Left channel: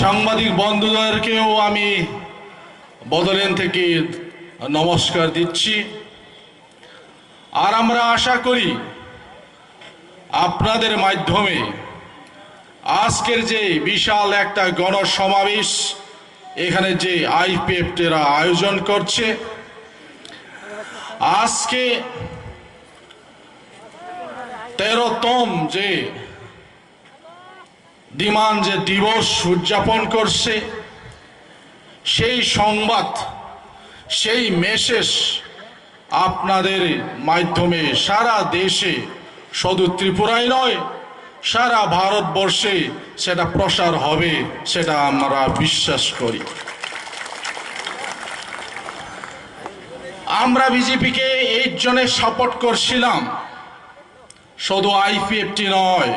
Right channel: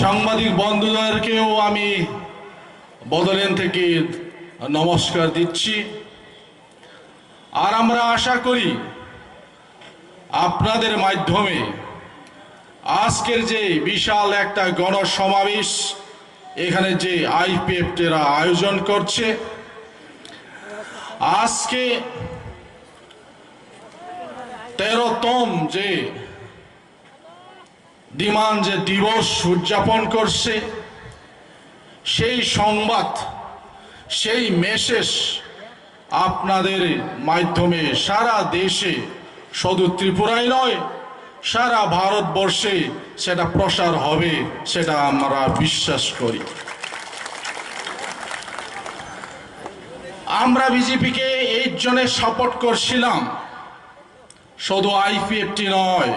সাংবাদিক বন্ধুদেরকেও আমি বদলেন থেকে নমস্কার দিচ্ছি। আর আমরা আশা করি আপনাদের মাধ্যমে আজকের যে বিশাল একটা গণসমাবেশ এখানে যে আইপিএফটিরা আয়োজন করছে, আজকে 13তম যে ডিমান্ড যে দিবস উদযাপন করছে, সেই সংবাদ, সেই মেসেজ আপনাদের মাধ্যমে সারা দেশে, শুধু ত্রিপুরায় নয় সারা ভারতবর্ষে সেটা প্রসার হবে, সেটা আমরা বিশ্বাস করি। আমরা বিজেপিকে এই জন্য সাপোর্ট করছিলাম, শুধু আইপিএফটি নয়,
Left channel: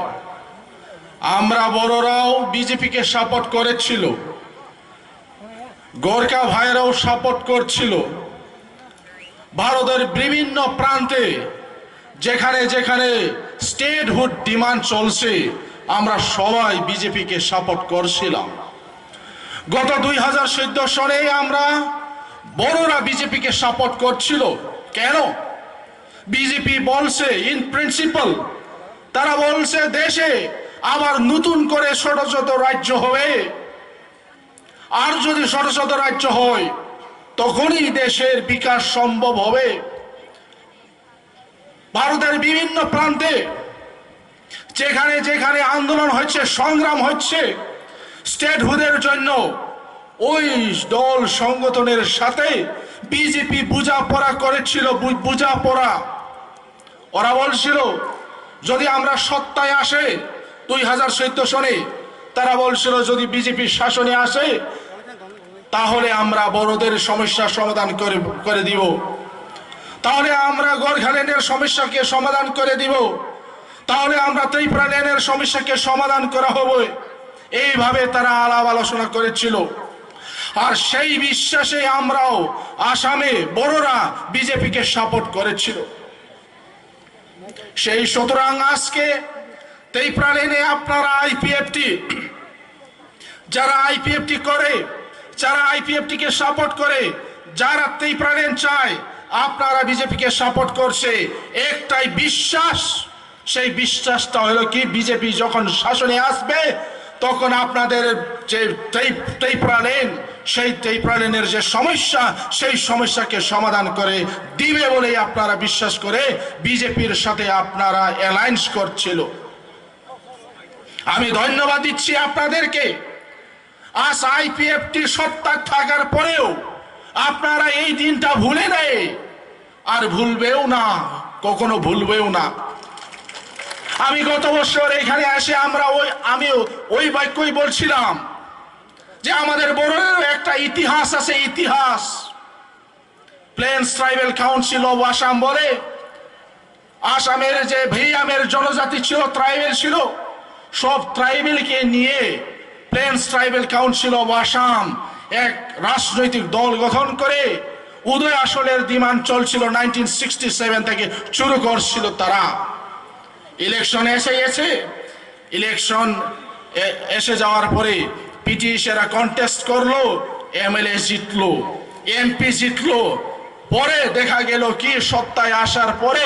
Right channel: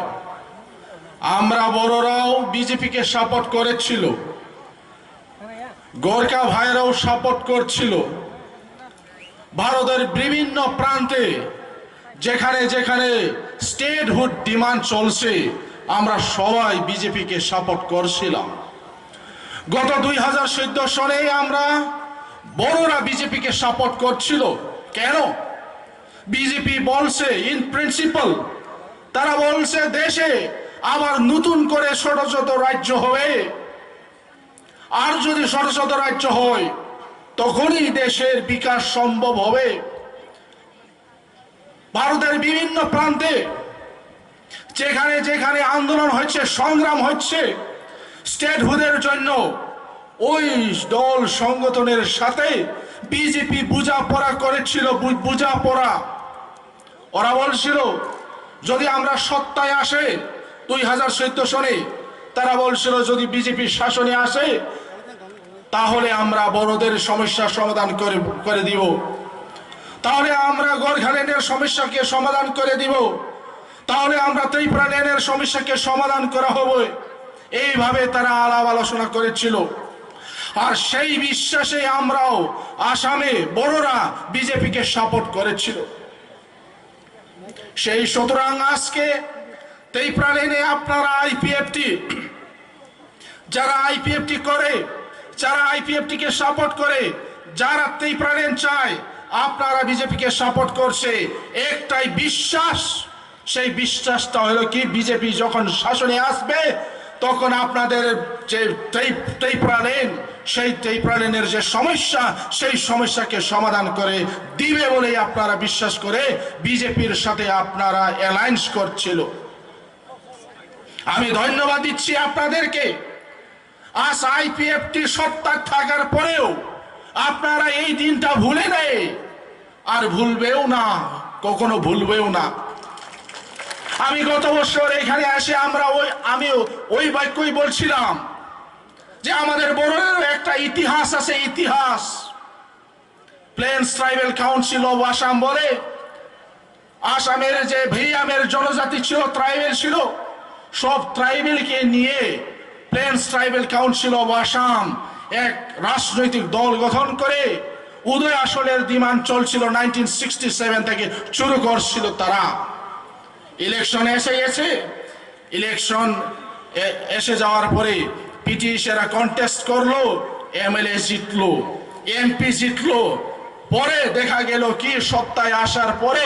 আমরা বড়রাও বিজেপিকে সাপোর্ট করেছিল, গোর্খা ভাইরাও সাপোর্ট করছিল। ভারতের বিভিন্ন প্রান্তে যেখানে যেখানে স্টেটহুড ডিমান্ড চলছে, আমরা সবাই বিজেপিকে সাপোর্ট করছিলাম। গত 2014 সনে আমরা বড়রা বিজেপিকে সাপোর্ট করছিল। কেন? বিজেপি বলছে ইন প্রিন্সিপাল, তারা বলছে দেশে আবার নতুন করে ছোট ছোট রাজ্য হবে, আর যদি ছোট ছোট রাজ্য হয় তখনই দেশের বিকাশ সম্ভব হবে। ভারতের বিভিন্ন প্রান্তে যেখানে যেখানে আন্দোলন হচ্ছে, সংগ্রাম হচ্ছে স্টেটহুডের জন্য, ওই দল সংগঠনের সাথে বিজেপি বোঝাপড়া করেছিল। বোঝাপড়া, ওরা বলছিল যদি আমরা সত্তায় আসে 2014 সনে, তারা বলছিল যদি বিজেপি শাসনে আসে তাহলে আমরা বড়দের সমস্যার সমাধান করে দিব, তাহলে আমরা গোর্খাল্যান্ডের সমস্যাকে সমাধান করে দিব, তাহলে আমরা ত্রিপুরাল্যান্ডের সমস্যাকে সমাধান করা হবে। এইভাবে তারা আলাপ আলোচনা করেছিল। আর সেই বিশ্বাসে আমরাও আসামে বড়রা বিজেপিকে সাপোর্ট করেছিল। সেই সুতরাং আজকে ত্রিপুরাল্যান্ডে আপনারা আইপিএফটি, যারা আইপিএফটি করে, যারা আইপিএফটিকে সাপোর্ট করে, যারা ত্রিপুরাল্যান্ড চায়, আপনারা বিজেপিকে সাপোর্ট করছে একটাই বিশ্বাস। সেই বিশ্বাসটা হলো কি, বিজেপি যখন শাসনে আসবে তখন আপনাদের যে ত্রিপুরাল্যান্ড, সেই ত্রিপুরাল্যান্ডের যে সমস্যা, সেই সমস্যাকে সমাধান করে দিবে বলেই আপনারা বিশ্বাস করে বিজেপির সাথে আপনারা অ্যালায়েন্স করছিল। আমি ধন্যবাদ দিচ্ছি আপনাদেরকে। আজ আইপিএফটি সত্তা থাকার পরেও আপনারা এই দিনটা ভুলে নেই, আর ভুলবেও না, কখনো ভুলবেও না। আমি গত বছর এখানে এসে আমি ওই বাক্যই বলছিলাম যে আমাদের বড়দের একটা ইতিহাস আছে, ইতিহাস। Planes tribal council of Assam বলে, আসামের যে ভেইয়ামের জনজাতি ছিল, ট্রাইবেল ছিল, সব ট্রাইবেলকে নিয়ে planes tribal council of Assam এক রাজনৈতিক দল গঠন করে উদয় আসলের ডিমান্ড চলছিল 1967 থেকে শুরু করছিল তারা। ইলেকশন এসে গেছে, ইলেকশন এসে যাওয়ার পরে পিটিশনরা কন্টেস্ট করলো, এমএলএ জিতলো, এমপি জিতলো। পরে দেখা গেল কি, সত্তায় আসার পরে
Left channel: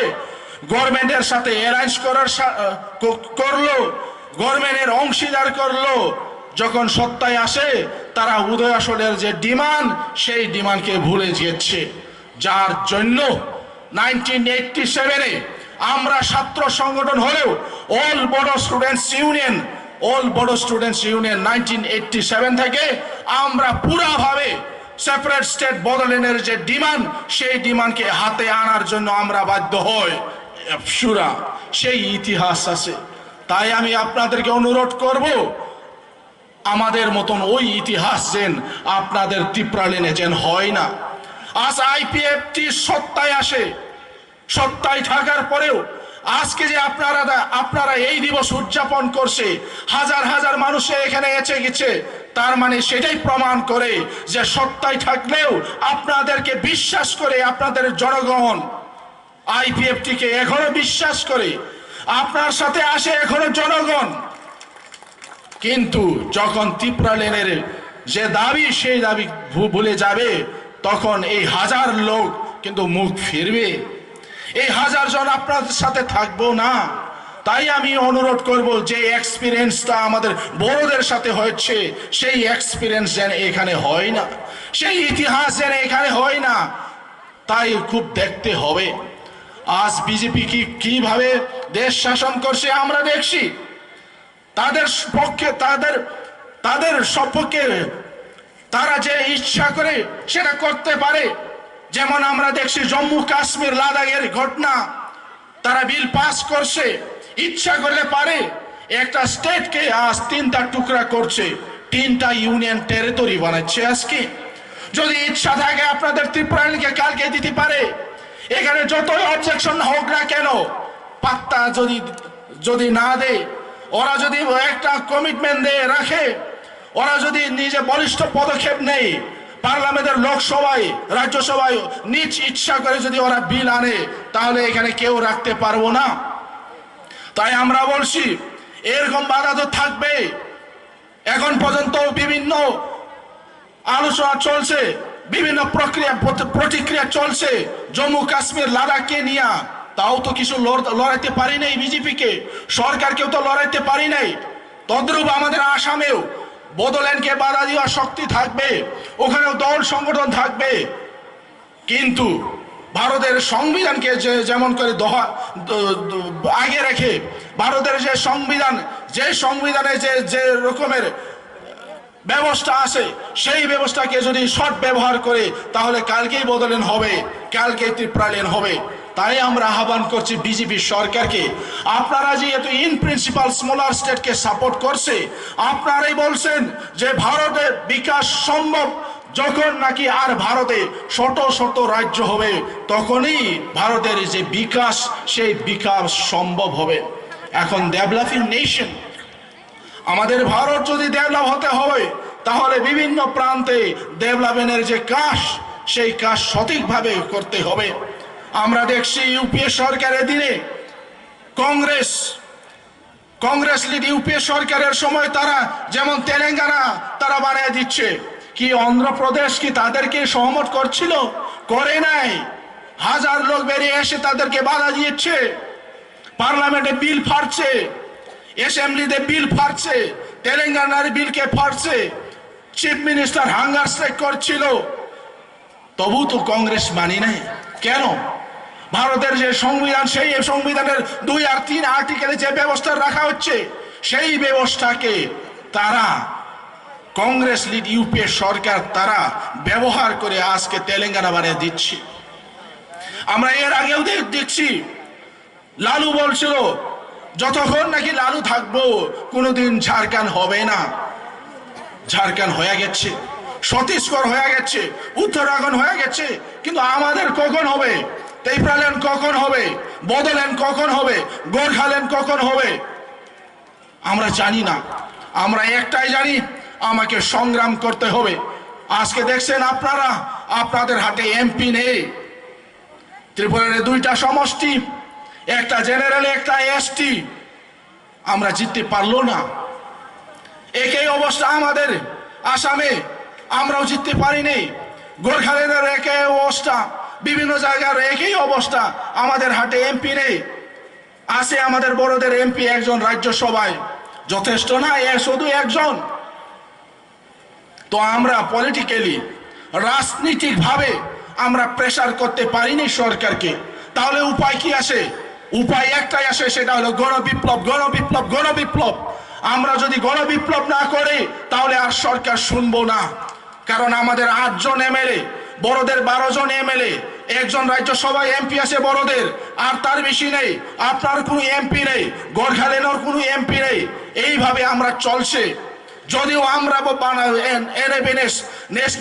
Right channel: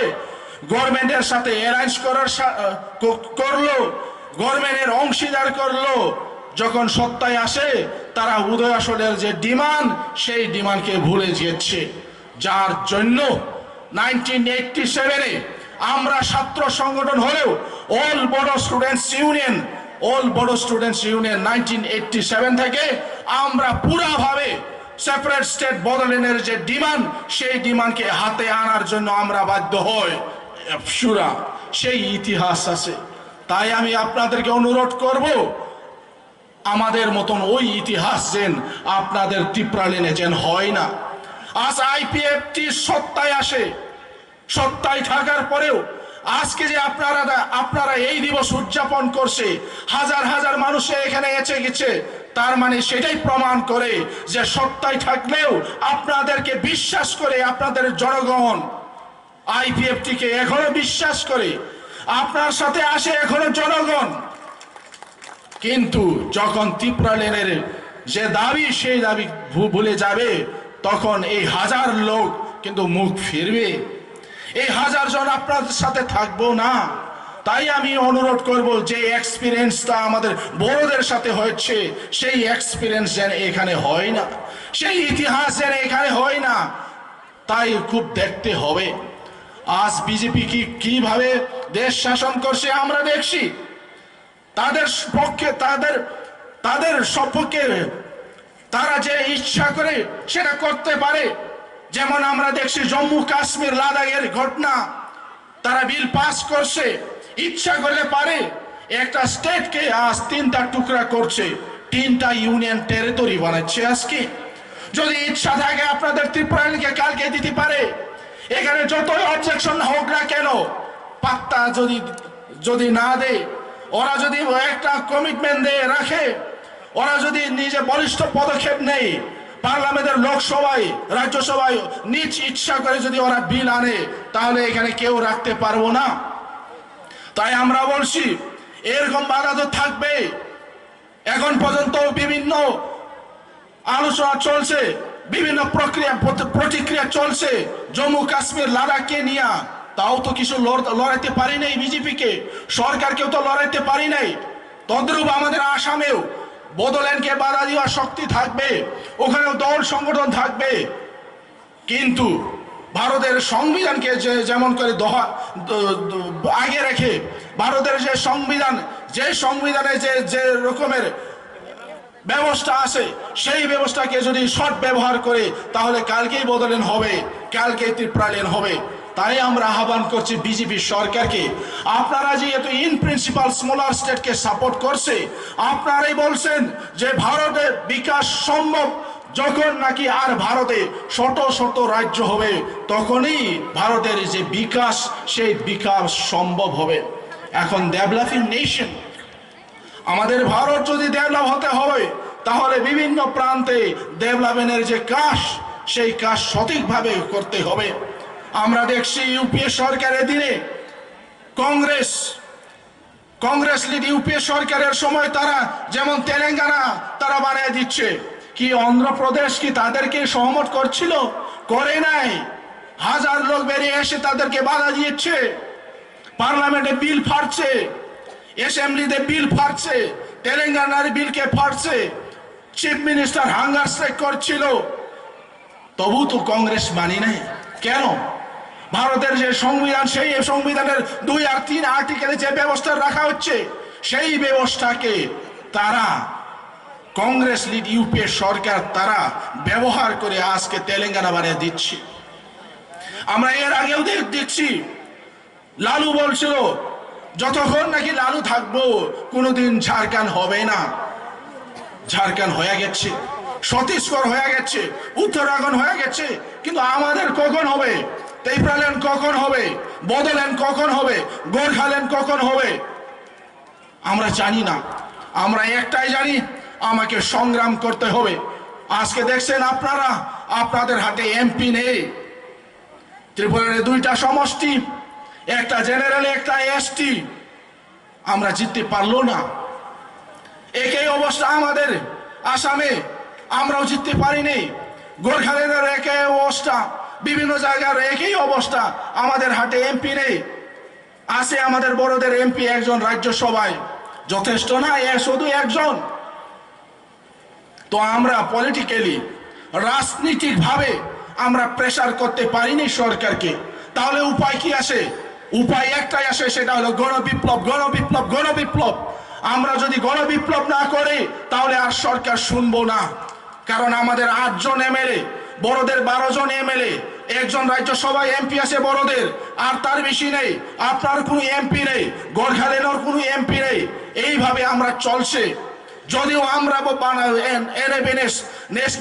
গভর্নমেন্টের সাথে অ্যালায়েন্স করলো, গভর্নমেন্টের অংশীদার করলো। যখন সত্তায় আসে তারা উদয় আসলের যে ডিমান্ড, সেই ডিমান্ডকে ভুলে গিয়েছে। যার জন্য 1987-এ আমরা ছাত্র সংগঠন হলেও অল বড়ো স্টুডেন্টস ইউনিয়ন 1987 থেকে আমরা পুরাভাবে সেপারেট স্টেট বদলের যে ডিমান্ড, সেই ডিমান্ডকে হাতে আনার জন্য আমরা বাধ্য হই। সুরা সেই ইতিহাস আছে। তাই আমি আপনাদেরকে অনুরোধ করব, আমাদের মতন ওই ইতিহাস যেন আপনাদের ত্রিপুরাল্যান্ডে যেন হয় না। আজ আইপিএফটি সত্তায় আসে, সত্তায় থাকার পরেও আজকে যে আপনারা এই দিবস উদযাপন করছে, হাজার হাজার মানুষ এখানে এসে গেছে, তার মানে সেটাই প্রমাণ করে যে সত্তায় থাকলেও আপনাদেরকে বিশ্বাস করে, আপনাদের জনগণ আইপিএফটিকে এখনো বিশ্বাস করে, আপনার সাথে আসে এখনো জনগণ। কিন্তু যখন ত্রিপুরা লেনের যে দাবি সেই দাবি ভুলে যাবে, তখন এই হাজার লোক কিন্তু মুখ ফিরবে। এই হাজার জন আপনাদের সাথে থাকবো না। তাই আমি অনুরোধ করব, যে এক্সপিরিয়েন্সটা আমাদের বড়দের সাথে হয়েছে, সেই এক্সপিরিয়েন্স যেন এখানে হয় না, সেই ইতিহাস যেন এখানে হয় না। তাই খুব দেখতে হবে আজ বিজেপি কিভাবে দেশ শাসন করছে আমরা দেখছি। তাদের পক্ষে তাদের সপক্ষে তারা যে ইচ্ছা করে সেটা করতে পারে। যেমন আমরা দেখছি জম্মু কাশ্মীর লাদাখের ঘটনা, তারা বিল পাস করছে, ইচ্ছা করলে পারে একটা স্টেটকে আজ 3টা টুকরা করছে, 3টা ইউনিয়ন টেরিটরি বানাচ্ছে। আজকে যদি ইচ্ছা থাকে আপনাদের ত্রিপুরাকে কালকে দিতে পারে। এখানে যতই অবজেকশন হোক না কেন, পাত্তা যদি না দেয়, ওরা যদি একটা কমিটমেন্ট দিয়ে রাখে, ওরা যদি নিজে বলিষ্ঠ পদক্ষেপ নেয়, পার্লামেন্টের লোকসভায় রাজ্যসভায় নিজ ইচ্ছা করে যদি ওরা বিল আনে, তাহলে এখানে কেউ রাখতে পারবো না। তাই আমরা বলছি এরকম বাধা তো থাকবে। এখন পর্যন্ত বিভিন্ন আলোচনা চলছে, বিভিন্ন প্রতিক্রিয়া চলছে জম্মু কাশ্মীর লাদাখকে নিয়ে। তাও তো কিছু লড়াইতে পারি নাই বিজেপিকে, সরকারকেও তো লড়াইতে পারি নাই। তদ্রূপ আমাদের আসামেও বদলেনকে বাধা দেওয়ার শক্তি থাকবে, ওখানেও দল সংগঠন থাকবে। কিন্তু ভারতের সংবিধানকে যেমন করে আগে রেখে, ভারতের যে সংবিধানে যে রকমের ব্যবস্থা আছে, সেই ব্যবস্থাকে যদি সৎ ব্যবহার করে, তাহলে কালকেই বদলেন হবে, কালকেই ত্রিপুরালেন হবে। তাই আমরা আহ্বান করছি বিজেপি সরকারকে, আপনারা যেহেতু ইন প্রিন্সিপাল স্মলার স্টেটকে সাপোর্ট করছে, আপনারাই বলছেন যে ভারতের বিকাশ সম্ভব যখন নাকি আর ভারতে ছোট ছোট রাজ্য হবে, তখনই ভারতের যে বিকাশ, সেই বিকাশ সম্ভব হবে। এখন ডেভেলপিং নেশন আমাদের ভারত যদি ডেভেলপ হতে হয়, তাহলে বিভিন্ন প্রান্তে ডেভেলপমেন্টের যে কাজ, সেই কাজ সঠিকভাবে করতে হবে। আমরা দেখছি ইউপিএ সরকারের দিনে কংগ্রেস লিড ইউপিএ সরকারের সময় তারা যেমন তেলেঙ্গানা তারা বানিয়ে দিচ্ছে, কি অন্ধ্রপ্রদেশ কি তাদেরকে সহমত করছিল? করে নাই। হাজার লোক বেরিয়ে এসে তাদেরকে বাধা দিচ্ছে, পার্লামেন্টে বিল ফাটছে, অ্যাসেম্বলিতে বিল ফাটছে, তেলেঙ্গানার বিলকে ফাটছে, চিফ মিনিস্টার হাঙ্গার স্ট্রাইক করছিল, তবু তো কংগ্রেস মানি নাই। কেন? ভারতের যে সংবিধান, সেই সংবিধানের 2 আর 3 আর্টিকেলে যে ব্যবস্থা রাখা হচ্ছে, সেই ব্যবস্থাকে তারা কংগ্রেস লিড ইউপিএ সরকার তারা ব্যবহার করে আজকে তেলেঙ্গানা বানিয়ে দিচ্ছে। আমরা এর আগেও দেখছি, লালু বলছিল যতক্ষণ নাকি লালু থাকবো কোনোদিন ঝাড়খণ্ড হবে না। ঝাড়খণ্ড হয়ে গেছে, ছত্তিশগড় হয়ে গেছে, উত্তরাখণ্ড হয়ে গেছে, কিন্তু আমাদের কখন হবে? ত্রিপুরাল্যান্ড কখন হবে? বদোল্যান্ড কখন হবে? গোর্খাল্যান্ড কখন হবে? আমরা জানি না। আমরা একটাই জানি, আমাকে সংগ্রাম করতে হবে। আজকে দেখছেন আপনারা, আপনাদের হাতে এমপি নেই। ত্রিপুরার 2টা সমষ্টি, একটা জেনারেল, একটা এসটি, আমরা জিততে পারলো না। একই অবস্থা আমাদের আসামে, আমরাও জিততে পারিনি। গোর্খাল্যান্ডের একই অবস্থা, বিভিন্ন জায়গার একই অবস্থা, আমাদের হাতে এমপি নেই। আছে আমাদের বড়দের এমপি একজন রাজ্যসভায়, যথেষ্ট না? শুধু একজন। তো আমরা পলিটিক্যালি, রাজনীতিকভাবে আমরা প্রেসার করতে পারিনি সরকারকে। তাহলে উপায় কি আসে? উপায় একটাই আসে, সেটা হলো গণবিপ্লব, গণবিপ্লব, গণবিপ্লব। আমরা যদি গণবিপ্লব না করি, তাহলে আর সরকার শুনবো না। কারণ আমাদের 8 জন এমএলএ, বড়দের 12 জন এমএলএ, একজন রাজ্যসভায় এমপি আছে বড়দের, আর তার বেশি নেই। আপনার কোনো এমপি নেই, গোর্খাল্যান্ডের কোনো এমপি নেই। এইভাবে আমরা চলছে। যদিও আমরা ন্যাশনাল